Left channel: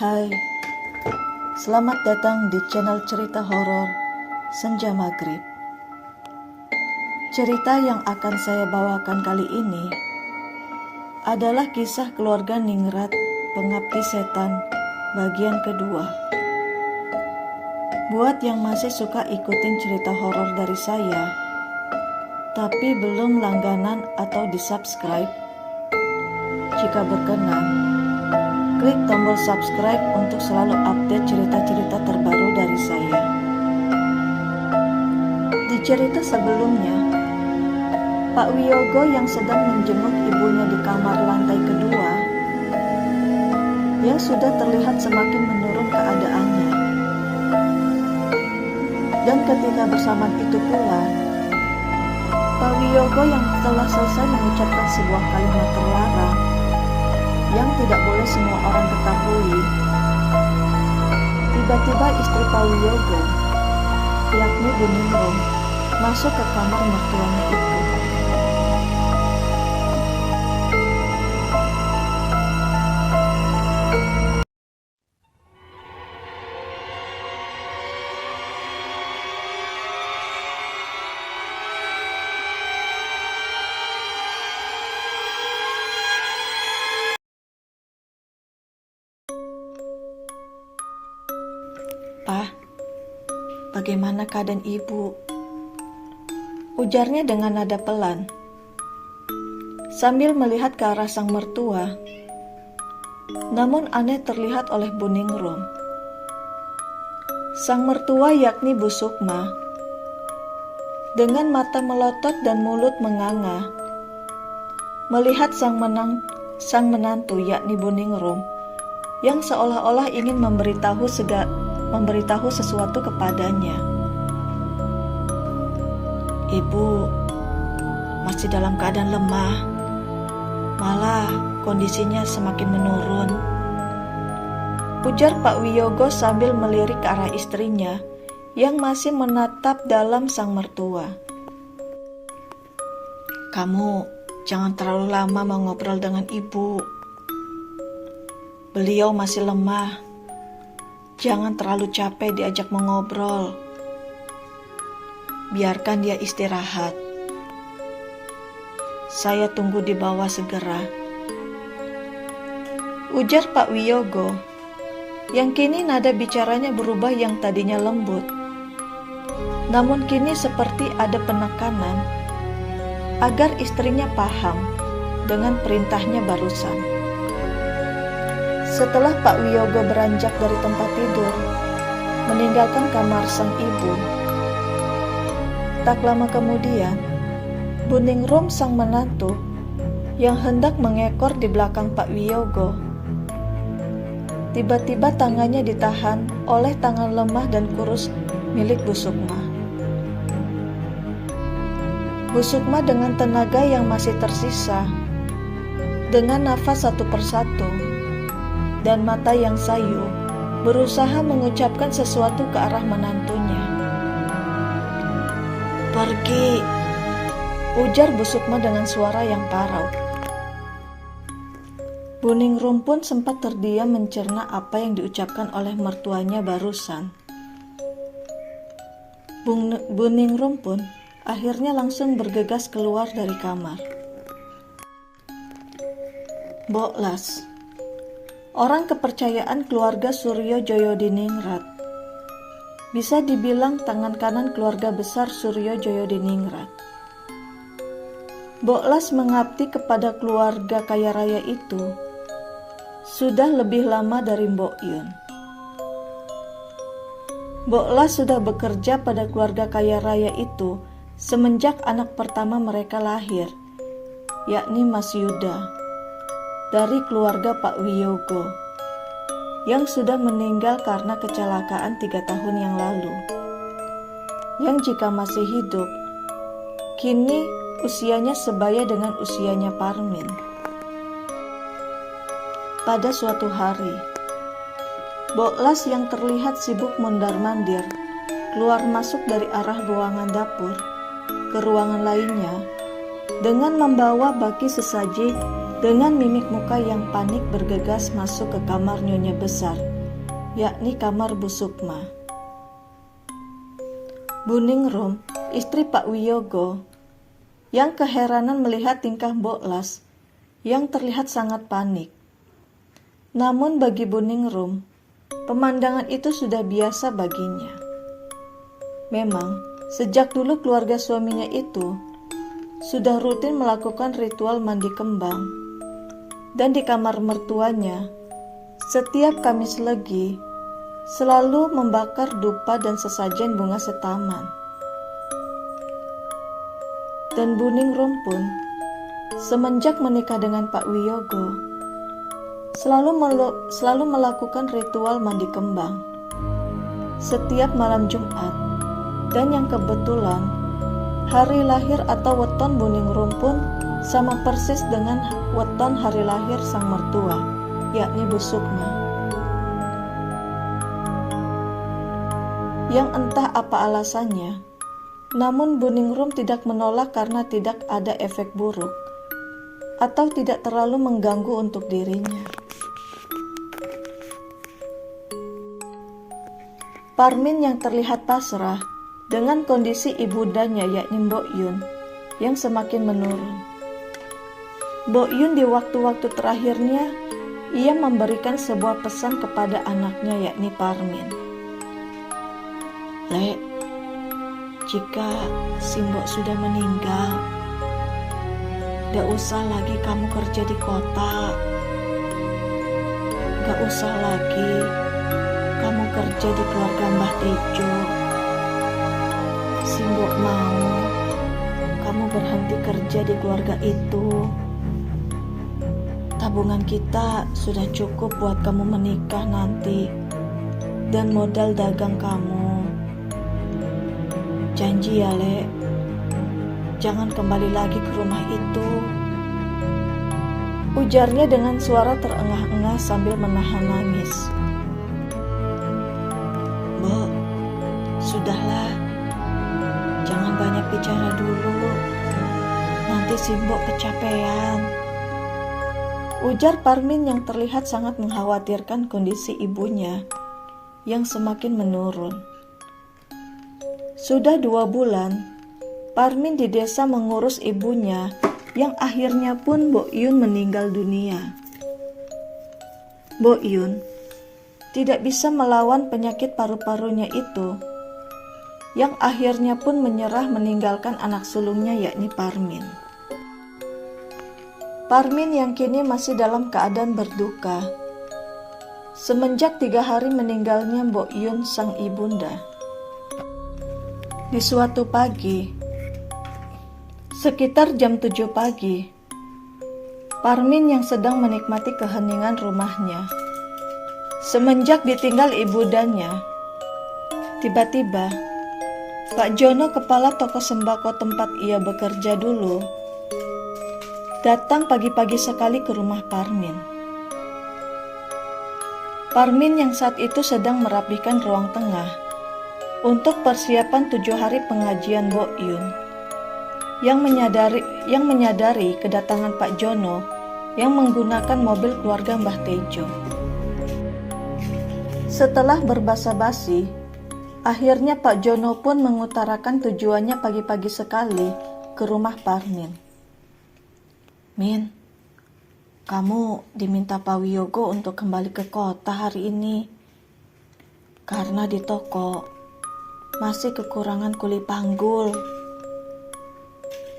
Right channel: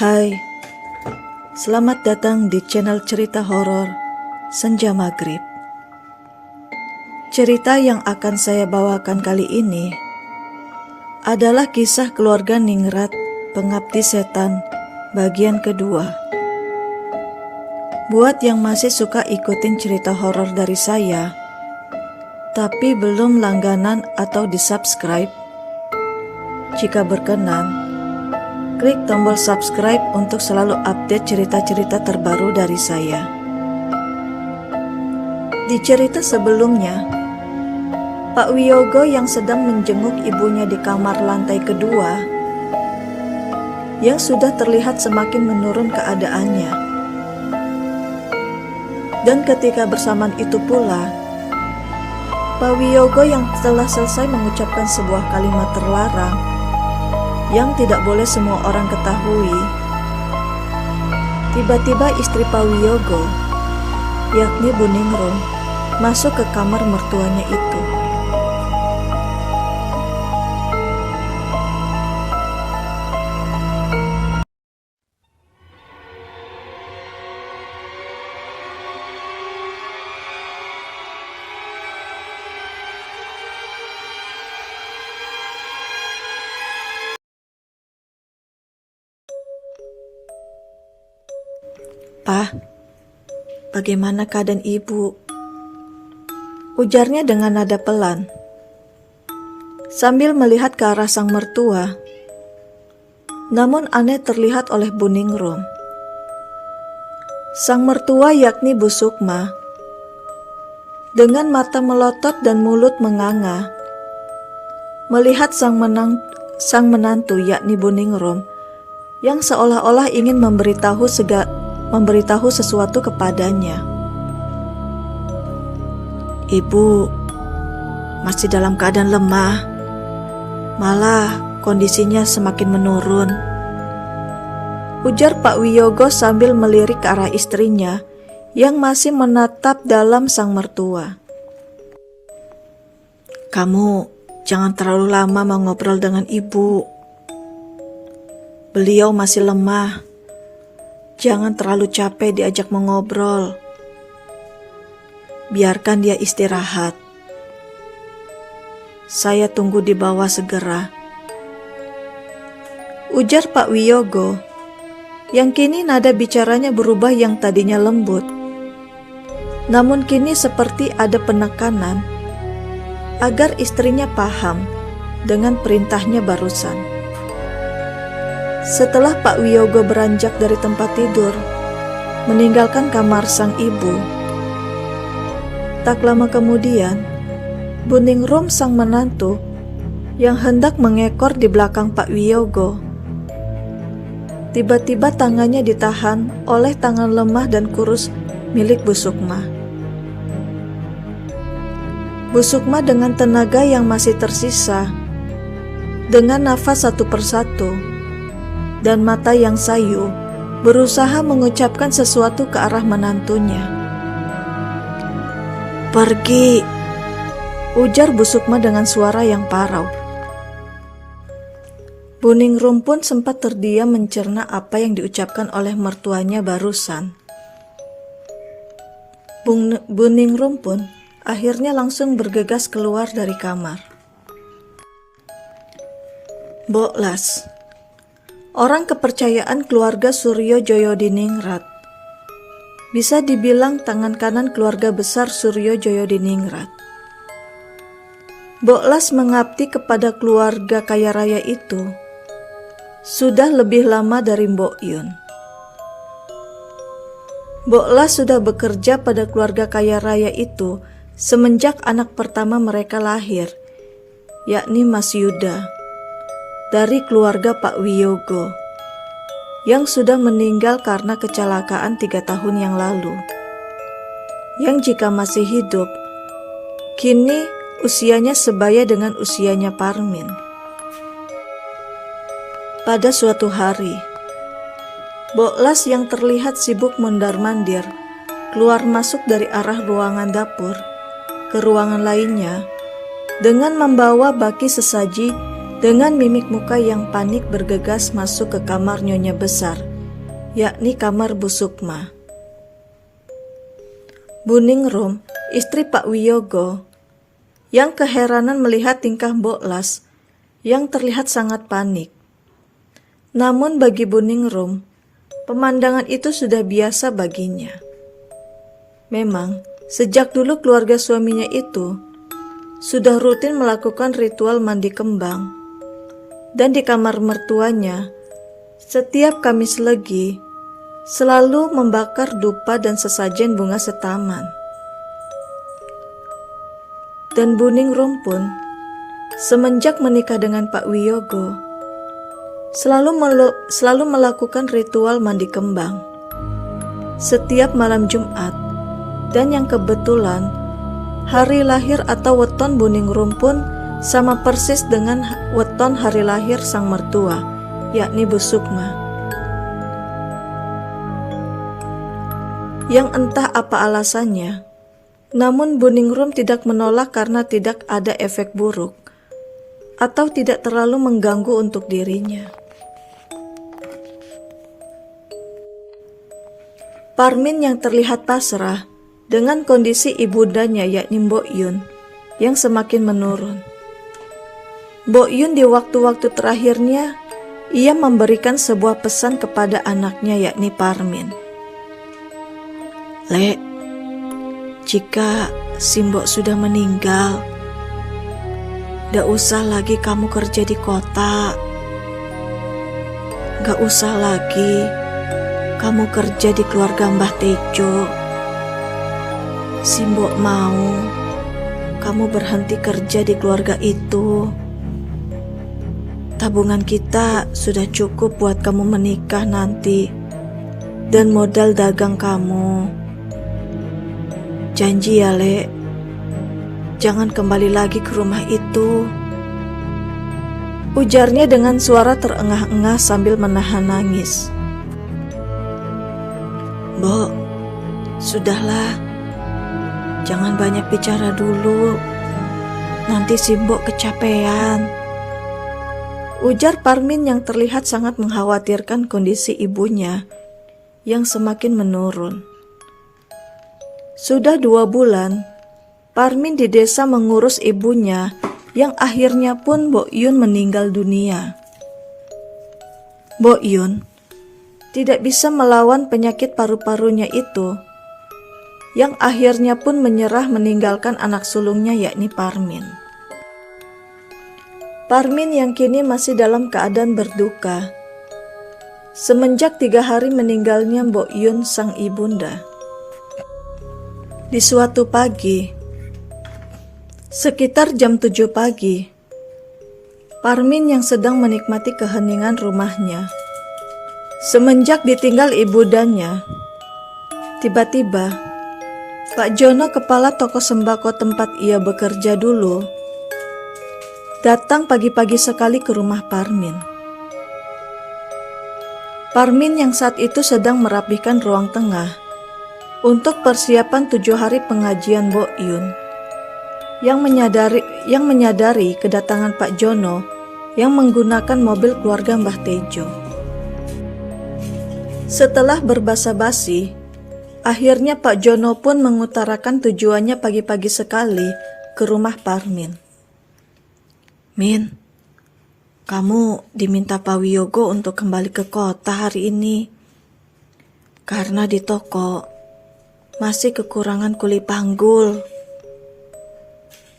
Hai, selamat datang di channel cerita horor Senja Maghrib. Cerita yang akan saya bawakan kali ini adalah kisah keluarga Ningrat, Pengabdi Setan, bagian kedua. Buat yang masih suka ikutin cerita horor dari saya, tapi belum langganan atau di-subscribe, jika berkenan, klik tombol subscribe untuk selalu update cerita-cerita terbaru dari saya. Di cerita sebelumnya, Pak Wiyogo yang sedang menjenguk ibunya di kamar lantai kedua, yang sudah terlihat semakin menurun keadaannya. Dan ketika bersamaan itu pula, Pak Wiyogo yang telah selesai mengucapkan sebuah kalimat terlarang yang tidak boleh semua orang ketahui, tiba-tiba istri Pak Wiyogo, yakni Bu Ningrum, masuk ke kamar mertuanya itu. "Pak, bagaimana keadaan ibu?" ujarnya dengan nada pelan, sambil melihat ke arah sang mertua. Namun aneh terlihat oleh Bu Ningrum. Sang mertua yakni Bu Sukma, dengan mata melotot dan mulut menganga, melihat sang menantu yakni Bu Ningrum, yang seolah-olah ingin memberitahu sesuatu kepadanya. "Ibu masih dalam keadaan lemah, malah kondisinya semakin menurun," ujar Pak Wiyogo sambil melirik ke arah istrinya yang masih menatap dalam sang mertua. "Kamu jangan terlalu lama mau ngobrol dengan ibu. Beliau masih lemah. Jangan terlalu capek diajak mengobrol. Biarkan dia istirahat. Saya tunggu di bawah segera," ujar Pak Wiyogo, yang kini nada bicaranya berubah, yang tadinya lembut, namun kini seperti ada penekanan agar istrinya paham dengan perintahnya barusan. Setelah Pak Wiyogo beranjak dari tempat tidur, meninggalkan kamar sang ibu, tak lama kemudian, Bu Ningrum sang menantu yang hendak mengekor di belakang Pak Wiyogo, tiba-tiba tangannya ditahan oleh tangan lemah dan kurus milik Bu Sukma. Bu Sukma dengan tenaga yang masih tersisa, dengan nafas satu persatu dan mata yang sayu, berusaha mengucapkan sesuatu ke arah menantunya. "Pergi," ujar Bu Sukma dengan suara yang parau. Bu Ningrum pun sempat terdiam mencerna apa yang diucapkan oleh mertuanya barusan. Bu Ningrum pun akhirnya langsung bergegas keluar dari kamar. Mbok Las, orang kepercayaan keluarga Suryo Joyodiningrat, bisa dibilang tangan kanan keluarga besar Suryo Joyodiningrat. Mbok Las mengabdi kepada keluarga kaya raya itu sudah lebih lama dari Mbok Yun. Mbok Las sudah bekerja pada keluarga kaya raya itu semenjak anak pertama mereka lahir, yakni Mas Yuda, dari keluarga Pak Wiyogo, yang sudah meninggal karena kecelakaan 3 tahun yang lalu. Yang jika masih hidup, kini usianya sebaya dengan usianya Parmin. Pada suatu hari, Mbok Las yang terlihat sibuk mondar-mandir keluar masuk dari arah ruangan dapur ke ruangan lainnya dengan membawa baki sesaji. Dengan mimik muka yang panik bergegas masuk ke kamar Nyonya Besar yakni kamar Bu Sukma. Bu Ningrum, istri Pak Wiyogo, yang keheranan melihat tingkah Mbok Las yang terlihat sangat panik. Namun bagi Bu Ningrum, pemandangan itu sudah biasa baginya. Memang, sejak dulu keluarga suaminya itu sudah rutin melakukan ritual mandi kembang. Dan di kamar mertuanya, setiap Kamis Legi selalu membakar dupa dan sesajen bunga setaman. Dan Bu Ningrum pun semenjak menikah dengan Pak Wiyogo selalu melakukan ritual mandi kembang setiap malam Jumat. Dan yang kebetulan hari lahir atau weton Bu Ningrum pun sama persis dengan weton hari lahir sang mertua, yakni Bu Sukma. Yang entah apa alasannya, namun Bu Ningrum tidak menolak karena tidak ada efek buruk atau tidak terlalu mengganggu untuk dirinya. Parmin yang terlihat pasrah dengan kondisi ibundanya yakni Mbok Yun yang semakin menurun. Mbok Yun di waktu-waktu terakhirnya ia memberikan sebuah pesan kepada anaknya yakni Parmin. "Lek, jika Simbok sudah meninggal, gak usah lagi kamu kerja di kota. Gak usah lagi kamu kerja di keluarga Mbah Tejo. Simbok mau kamu berhenti kerja di keluarga itu. Tabungan kita sudah cukup buat kamu menikah nanti dan modal dagang kamu. Janji ya, Lek, jangan kembali lagi ke rumah itu," ujarnya dengan suara terengah-engah sambil menahan nangis. "Mbok, sudahlah, jangan banyak bicara dulu, nanti Simbok kecapean," ujar Parmin yang terlihat sangat mengkhawatirkan kondisi ibunya yang semakin menurun. Sudah 2 bulan, Parmin di desa mengurus ibunya yang akhirnya pun Mbok Yun meninggal dunia. Mbok Yun tidak bisa melawan penyakit paru-parunya itu, yang akhirnya pun menyerah meninggalkan anak sulungnya yakni Parmin. Parmin yang kini masih dalam keadaan berduka semenjak 3 hari meninggalnya Mbok Yun sang ibunda. Di suatu pagi, sekitar jam 7 pagi, Parmin yang sedang menikmati keheningan rumahnya semenjak ditinggal ibundanya, tiba-tiba Pak Jono, kepala toko sembako tempat ia bekerja dulu, datang pagi-pagi sekali ke rumah Parmin. Parmin yang saat itu sedang merapikan ruang tengah untuk persiapan 7 hari pengajian Mbok Yun, yang menyadari kedatangan Pak Jono yang menggunakan mobil keluarga Mbah Tejo. Setelah berbasa-basi, akhirnya Pak Jono pun mengutarakan tujuannya pagi-pagi sekali ke rumah Parmin. "Min, kamu diminta Pak Wiyogo untuk kembali ke kota hari ini, karena di toko masih kekurangan kuli panggul.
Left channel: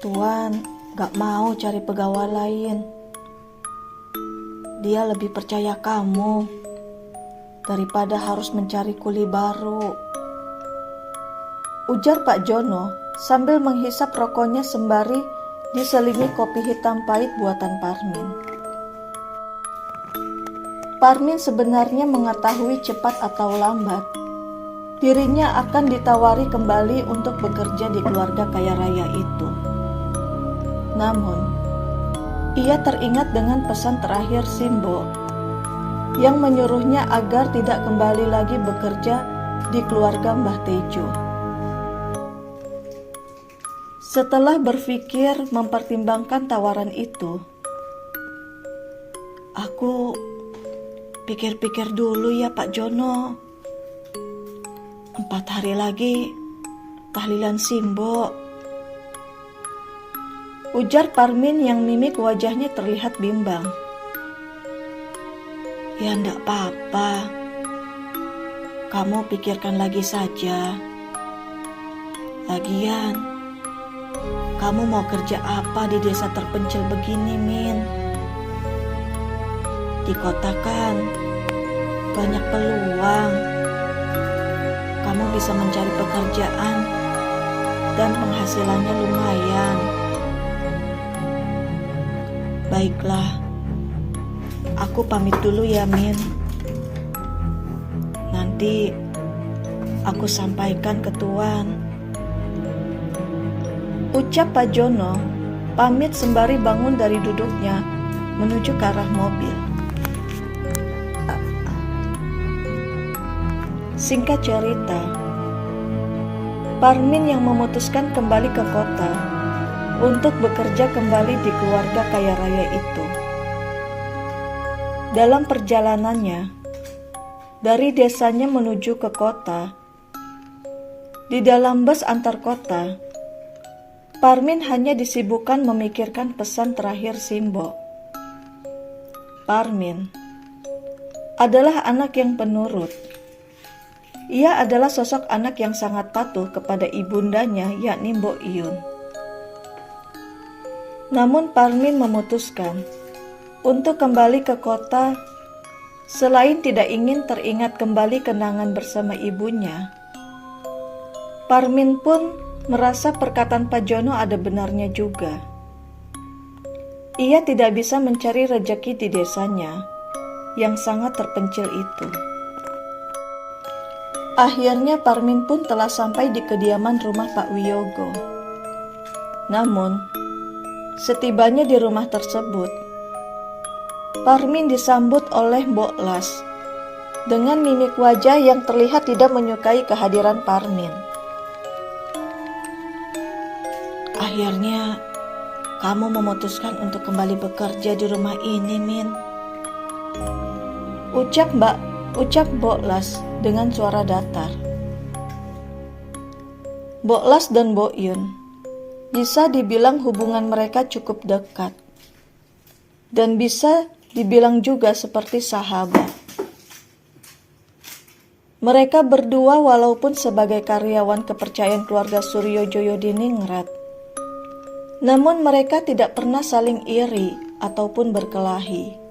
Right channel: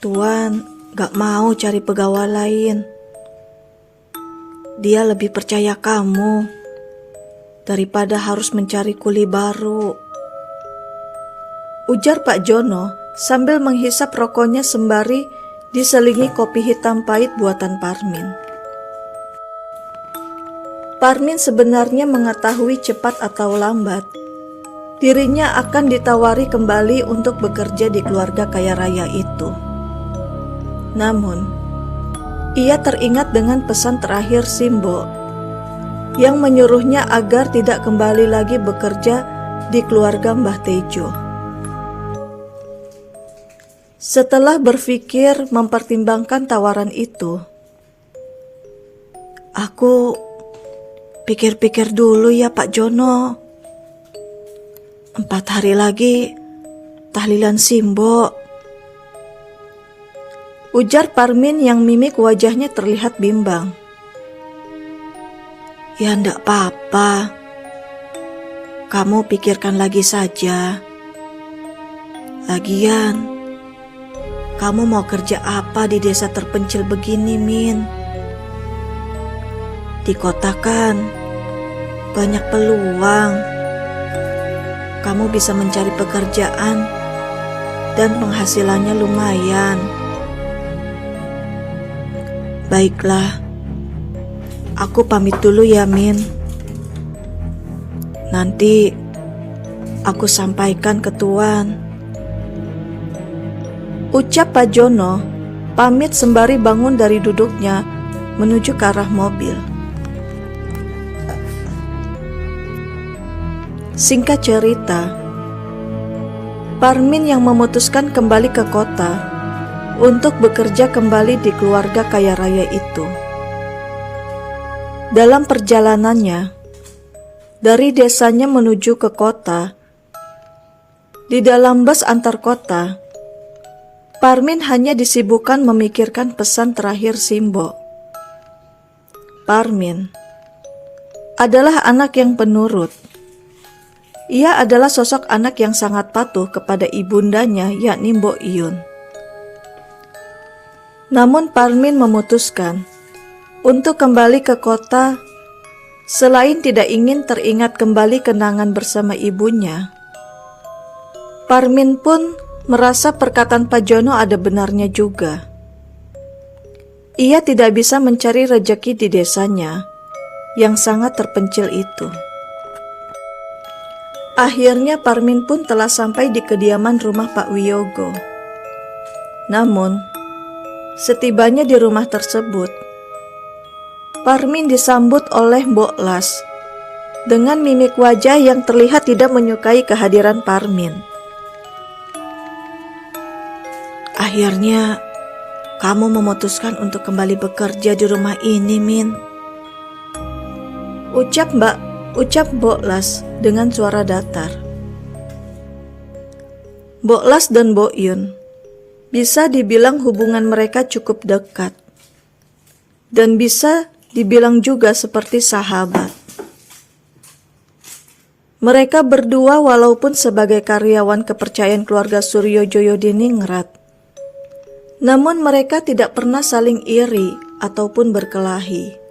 Tuan gak mau cari pegawai lain. Dia lebih percaya kamu daripada harus mencari kuli baru," ujar Pak Jono sambil menghisap rokoknya sembari diselingi kopi hitam pahit buatan Parmin. Parmin sebenarnya mengetahui cepat atau lambat dirinya akan ditawari kembali untuk bekerja di keluarga kaya raya itu. Namun, ia teringat dengan pesan terakhir Simbok yang menyuruhnya agar tidak kembali lagi bekerja di keluarga Mbah Tejo. Setelah berpikir mempertimbangkan tawaran itu, "Aku Pikir-pikir dulu ya Pak Jono. 4 hari lagi tahlilan Simbo, ujar Parmin yang mimik wajahnya terlihat bimbang. Ya ndak apa-apa, kamu pikirkan lagi saja. Lagian, kamu mau kerja apa di desa terpencil begini, Min? Di kota kan banyak peluang. Kamu bisa mencari pekerjaan dan penghasilannya lumayan. Baiklah, aku pamit dulu ya, Min. Nanti aku sampaikan ke Tuan. Ucap Pak Jono, pamit sembari bangun dari duduknya menuju ke arah mobil. Singkat cerita, Parmin yang memutuskan kembali ke kota untuk bekerja kembali di keluarga kaya raya itu. Dalam perjalanannya, dari desanya menuju ke kota, di dalam bus antar kota, Parmin hanya disibukkan memikirkan pesan terakhir Simbo. Parmin adalah anak yang penurut. Ia adalah sosok anak yang sangat patuh kepada ibundanya, yakni Mbok Iyun. Namun Parmin memutuskan untuk kembali ke kota selain tidak ingin teringat kembali kenangan bersama ibunya. Parmin pun merasa perkataan Pak Jono ada benarnya juga. Ia tidak bisa mencari rejeki di desanya yang sangat terpencil itu. Akhirnya Parmin pun telah sampai di kediaman rumah Pak Wiyogo. Namun, setibanya di rumah tersebut, Parmin disambut oleh Mbok Las dengan mimik wajah yang terlihat tidak menyukai kehadiran Parmin. Akhirnya, kamu memutuskan untuk kembali bekerja di rumah ini, Min. Ucap Mbok Las dengan suara datar. Mbok Las dan Mbok Yun bisa dibilang hubungan mereka cukup dekat dan bisa dibilang juga seperti sahabat. Mereka berdua walaupun sebagai karyawan kepercayaan keluarga Suryojoyo di Ningrat, namun mereka tidak pernah saling iri ataupun berkelahi.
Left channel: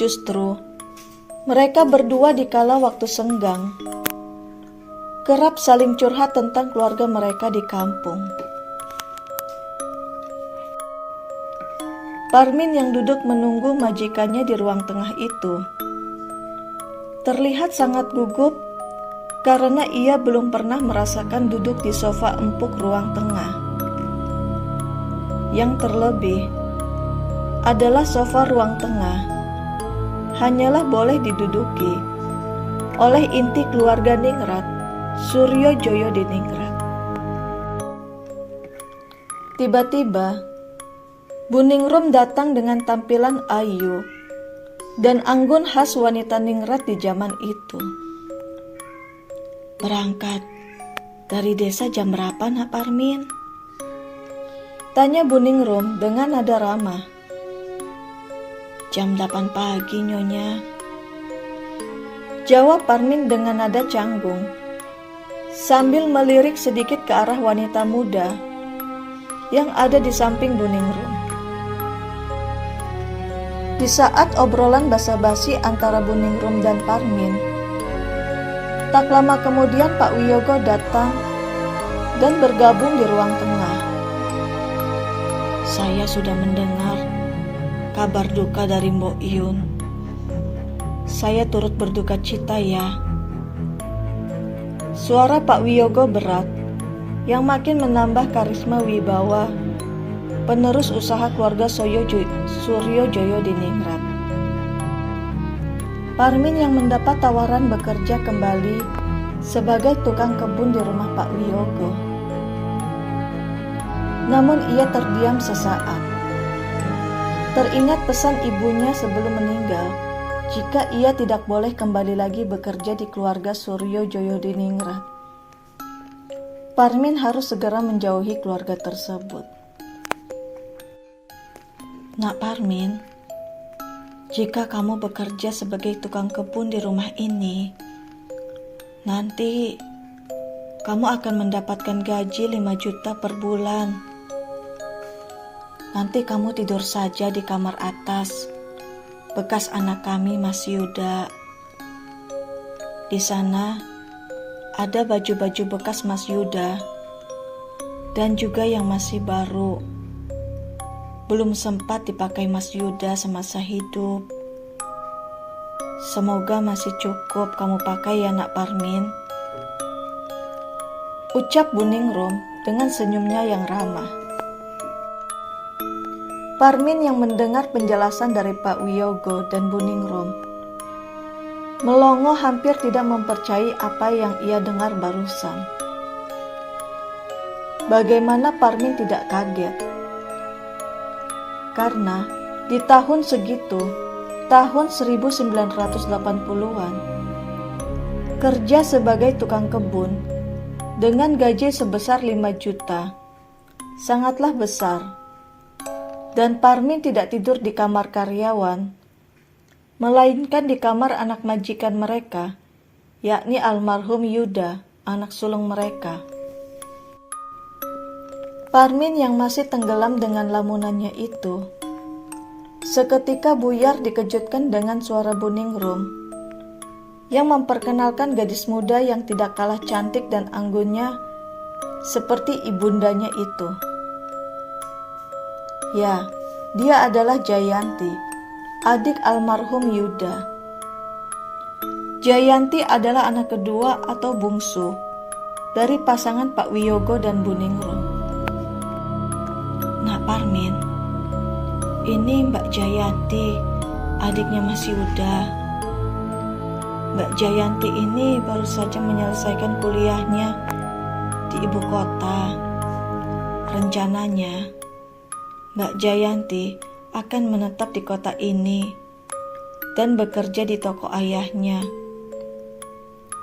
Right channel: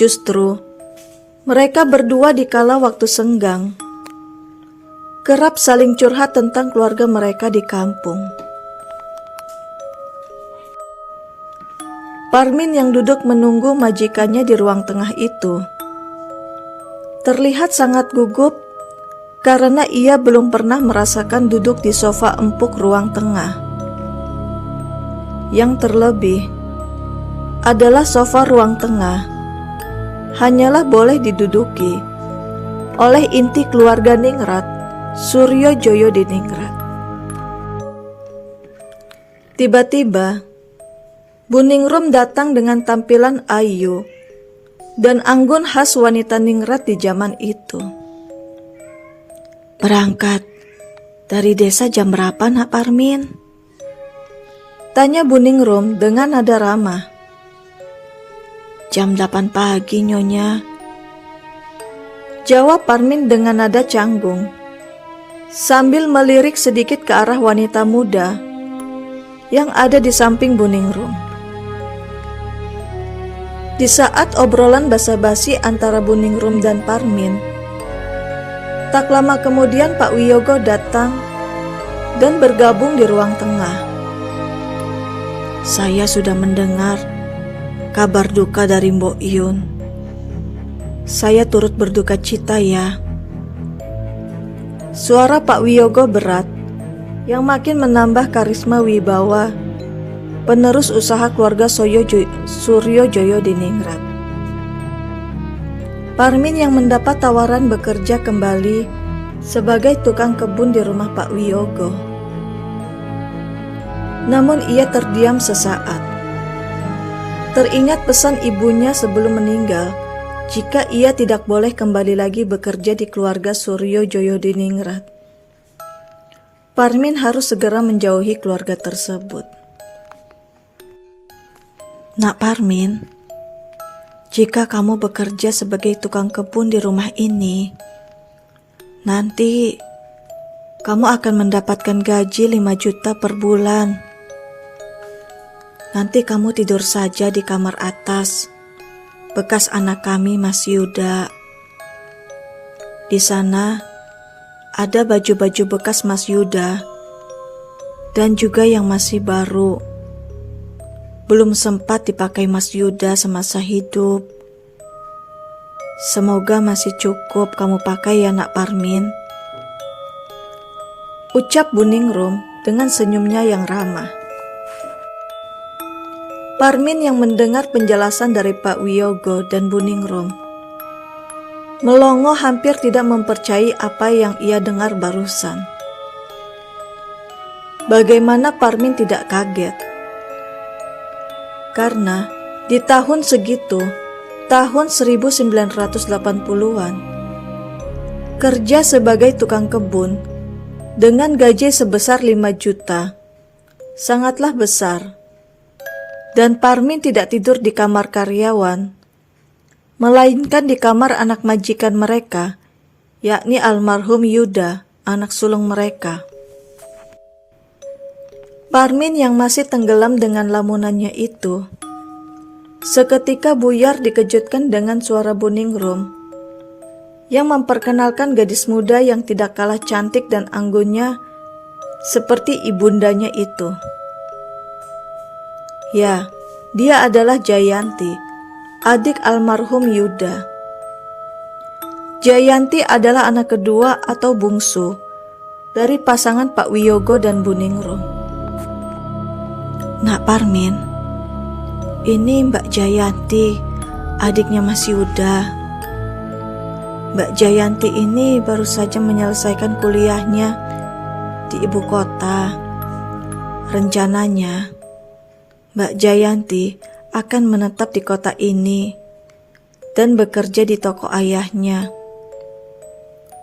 Justru mereka berdua dikala waktu senggang kerap saling curhat tentang keluarga mereka di kampung. Parmin yang duduk menunggu majikannya di ruang tengah itu terlihat sangat gugup karena ia belum pernah merasakan duduk di sofa empuk ruang tengah. Yang terlebih adalah sofa ruang tengah hanyalah boleh diduduki oleh inti keluarga Ningrat, Suryojoyo di Ningrat. Tiba-tiba, Bu Ningrum datang dengan tampilan ayu dan anggun khas wanita Ningrat di zaman itu. Berangkat dari desa jam berapa, Nak Parmin? Tanya Bu Ningrum dengan nada ramah. Jam 8 pagi, Nyonya. Jawab Parmin dengan nada canggung, sambil melirik sedikit ke arah wanita muda yang ada di samping Bu Ningrum. Di saat obrolan basa-basi antara Bu Ningrum dan Parmin, tak lama kemudian Pak Wiyogo datang dan bergabung di ruang tengah. Saya sudah mendengar kabar duka dari Mbok Iyun. Saya turut berduka cita ya. Suara Pak Wiyogo berat yang makin menambah karisma wibawa penerus usaha keluarga Suryojoyo di Ningrat. Parmin yang mendapat tawaran bekerja kembali sebagai tukang kebun di rumah Pak Wiyogo. Namun ia terdiam sesaat. Teringat pesan ibunya sebelum meninggal jika ia tidak boleh kembali lagi bekerja di keluarga Suryo Joyodiningrat. Parmin harus segera menjauhi keluarga tersebut. Nak Parmin, jika kamu bekerja sebagai tukang kebun di rumah ini, nanti kamu akan mendapatkan gaji 5 juta per bulan. Nanti kamu tidur saja di kamar atas, bekas anak kami Mas Yuda. Di sana ada baju-baju bekas Mas Yuda dan juga yang masih baru. Belum sempat dipakai Mas Yuda semasa hidup. Semoga masih cukup kamu pakai ya Nak Parmin. Ucap Buningrum dengan senyumnya yang ramah. Parmin yang mendengar penjelasan dari Pak Wiyogo dan Buningrum melongo, hampir tidak mempercayai apa yang ia dengar barusan. Bagaimana Parmin tidak kaget? Karena di tahun segitu, tahun 1980-an, kerja sebagai tukang kebun dengan gaji sebesar 5 juta sangatlah besar. Dan Parmin tidak tidur di kamar karyawan, melainkan di kamar anak majikan mereka, yakni almarhum Yuda, anak sulung mereka. Parmin yang masih tenggelam dengan lamunannya itu, seketika buyar dikejutkan dengan suara Buningrum yang memperkenalkan gadis muda yang tidak kalah cantik dan anggunnya seperti ibundanya itu. Ya, dia adalah Jayanti, adik almarhum Yuda. Jayanti adalah anak kedua atau bungsu dari pasangan Pak Wiyogo dan Buningrum. Nak Parmin, ini Mbak Jayanti, adiknya Mas Yuda. Mbak Jayanti ini baru saja menyelesaikan kuliahnya di ibu kota. Rencananya Mbak Jayanti akan menetap di kota ini dan bekerja di toko ayahnya.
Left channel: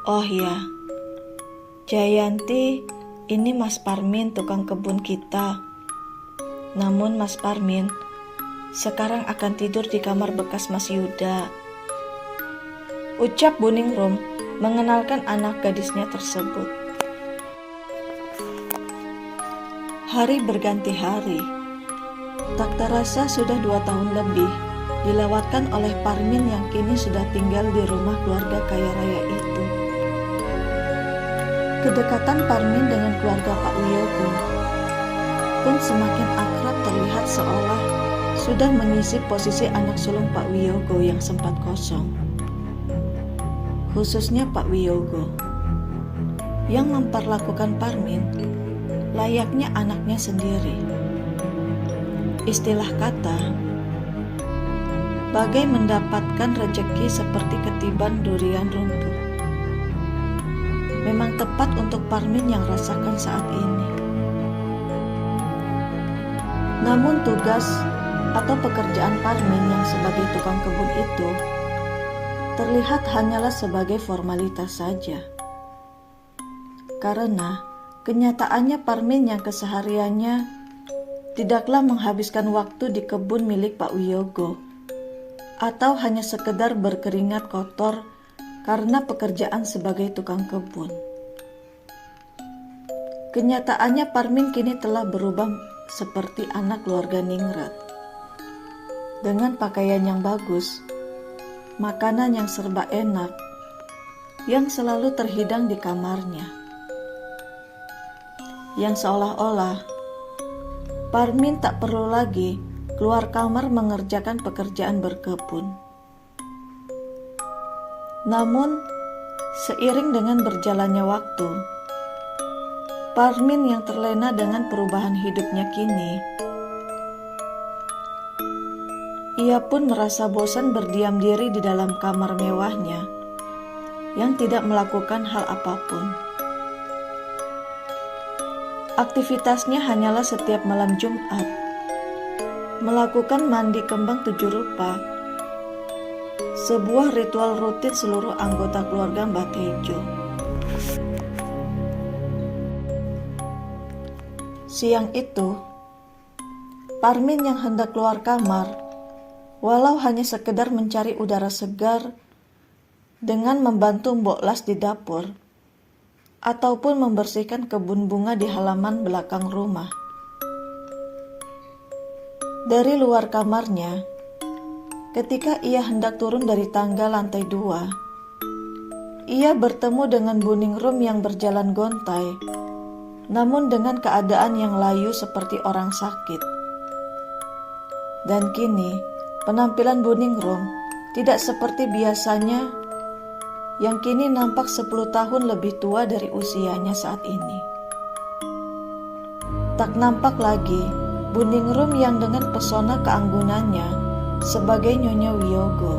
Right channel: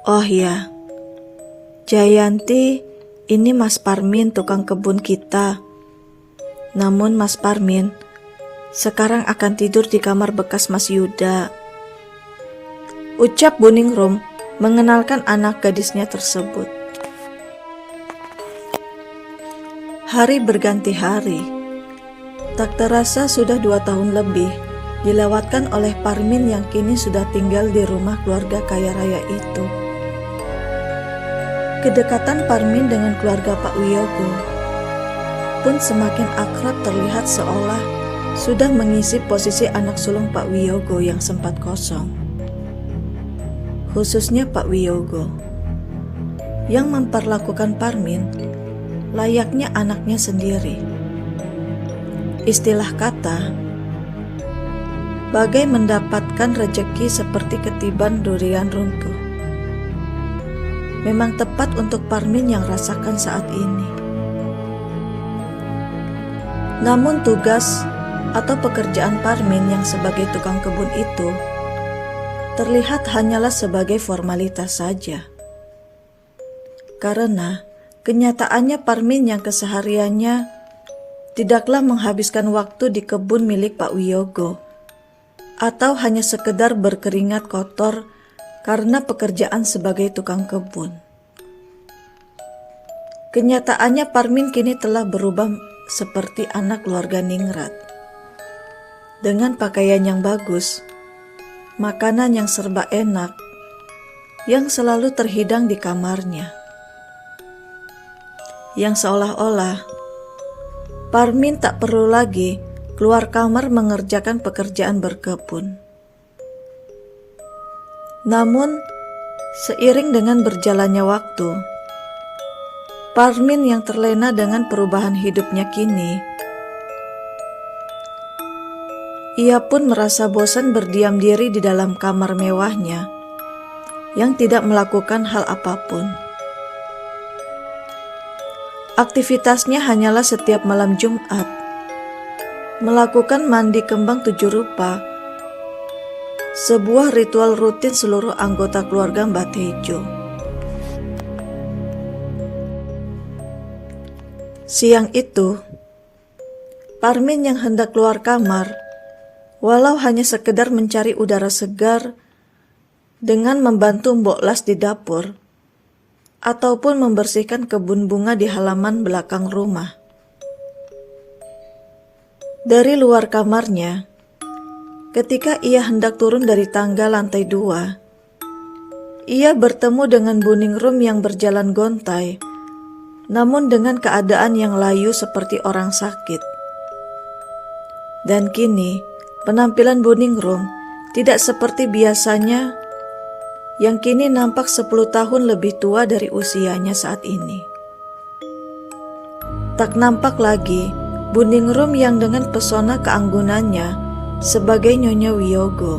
Oh ya, Jayanti, ini Mas Parmin tukang kebun kita. Namun Mas Parmin sekarang akan tidur di kamar bekas Mas Yuda. Ucap Buningrum mengenalkan anak gadisnya tersebut. Hari berganti hari. Tak terasa sudah 2 tahun lebih dilewatkan oleh Parmin yang kini sudah tinggal di rumah keluarga kaya raya itu. Kedekatan Parmin dengan keluarga Pak Wiyogo pun semakin akrab, terlihat seolah sudah mengisi posisi anak sulung Pak Wiyogo yang sempat kosong. Khususnya Pak Wiyogo yang memperlakukan Parmin layaknya anaknya sendiri. Istilah kata, bagai mendapatkan rejeki seperti ketiban durian runtuh. Memang tepat untuk Parmin yang rasakan saat ini. Namun tugas atau pekerjaan Parmin yang sebagai tukang kebun itu terlihat hanyalah sebagai formalitas saja. Karena kenyataannya Parmin yang kesehariannya tidaklah menghabiskan waktu di kebun milik Pak Wiyogo, atau hanya sekedar berkeringat kotor karena pekerjaan sebagai tukang kebun. Kenyataannya Parmin kini telah berubah seperti anak keluarga Ningrat. Dengan pakaian yang bagus, makanan yang serba enak, yang selalu terhidang di kamarnya. Yang seolah-olah Parmin tak perlu lagi keluar kamar mengerjakan pekerjaan berkebun. Namun, seiring dengan berjalannya waktu, Parmin yang terlena dengan perubahan hidupnya kini, ia pun merasa bosan berdiam diri di dalam kamar mewahnya yang tidak melakukan hal apapun. Aktivitasnya hanyalah setiap malam Jumat melakukan mandi kembang 7 rupa sebuah ritual rutin seluruh anggota keluarga Mbah Tejo. Siang itu, Parmin yang hendak keluar kamar, walau hanya sekedar mencari udara segar dengan membantu Mbok Las di dapur, ataupun membersihkan kebun bunga di halaman belakang rumah. Dari luar kamarnya, ketika ia hendak turun dari tangga lantai 2, ia bertemu dengan Buningrum yang berjalan gontai, namun dengan keadaan yang layu seperti orang sakit. Dan kini, penampilan Buningrum tidak seperti biasanya, yang kini nampak 10 tahun lebih tua dari usianya saat ini. Tak nampak lagi Buningrum yang dengan pesona keanggunannya sebagai Nyonya Wiyogo.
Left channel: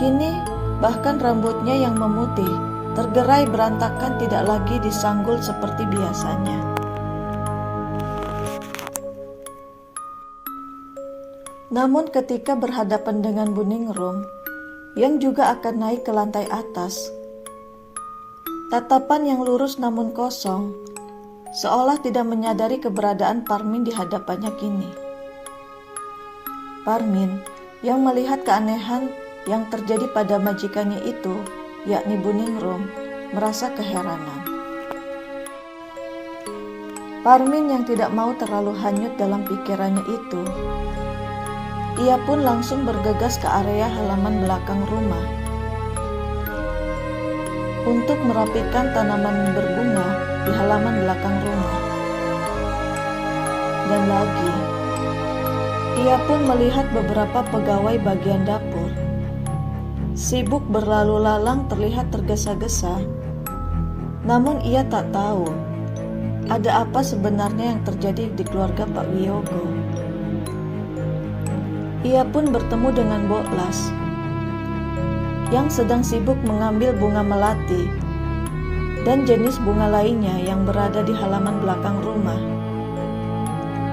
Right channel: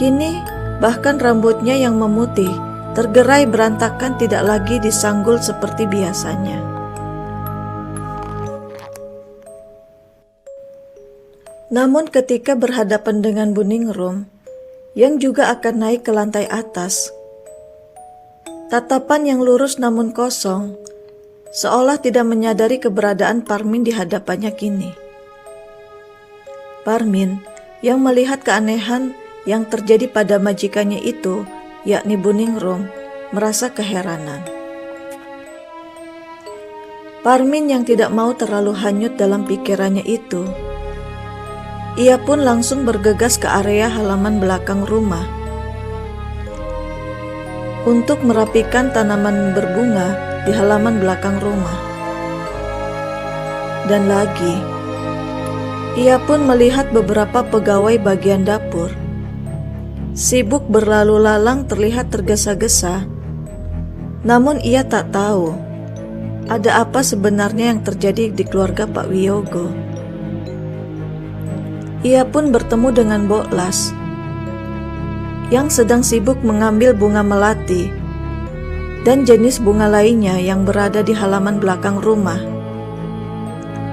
Kini, bahkan rambutnya yang memutih tergerai berantakan tidak lagi disanggul seperti biasanya. Namun ketika berhadapan dengan Buningrum yang juga akan naik ke lantai atas, tatapan yang lurus namun kosong, seolah tidak menyadari keberadaan Parmin di hadapannya kini. Parmin yang melihat keanehan yang terjadi pada majikannya itu, yakni Buningrum, merasa keheranan. Parmin yang tidak mau terlalu hanyut dalam pikirannya itu, ia pun langsung bergegas ke area halaman belakang rumah untuk merapikan tanaman berbunga di halaman belakang rumah. Dan lagi, ia pun melihat beberapa pegawai bagian dapur sibuk berlalu lalang terlihat tergesa-gesa, namun ia tak tahu ada apa sebenarnya yang terjadi di keluarga Pak Wiyogo. Ia pun bertemu dengan Mbok Las yang sedang sibuk mengambil bunga melati dan jenis bunga lainnya yang berada di halaman belakang rumah.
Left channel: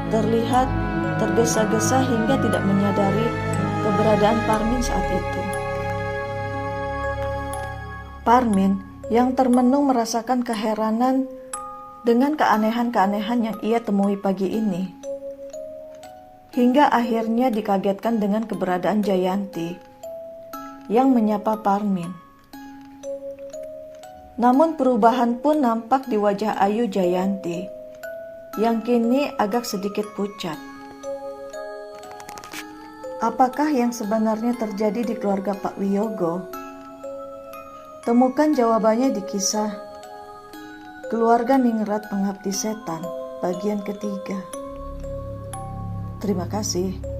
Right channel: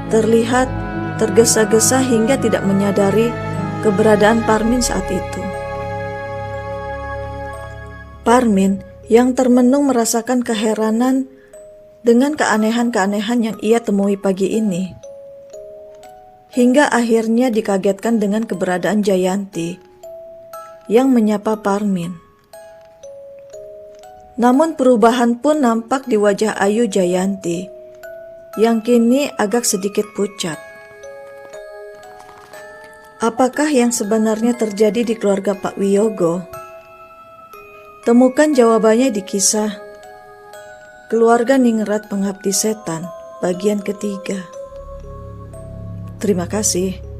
Terlihat tergesa-gesa hingga tidak menyadari keberadaan Parmin saat itu. Parmin yang termenung merasakan keheranan dengan keanehan-keanehan yang ia temui pagi ini, hingga akhirnya dikagetkan dengan keberadaan Jayanti yang menyapa Parmin. Namun perubahan pun nampak di wajah ayu Jayanti yang kini agak sedikit pucat. Apakah yang sebenarnya terjadi di keluarga Pak Wiyogo? Temukan jawabannya di kisah Keluarga Ningrat Pengabdi Setan bagian ketiga. Terima kasih.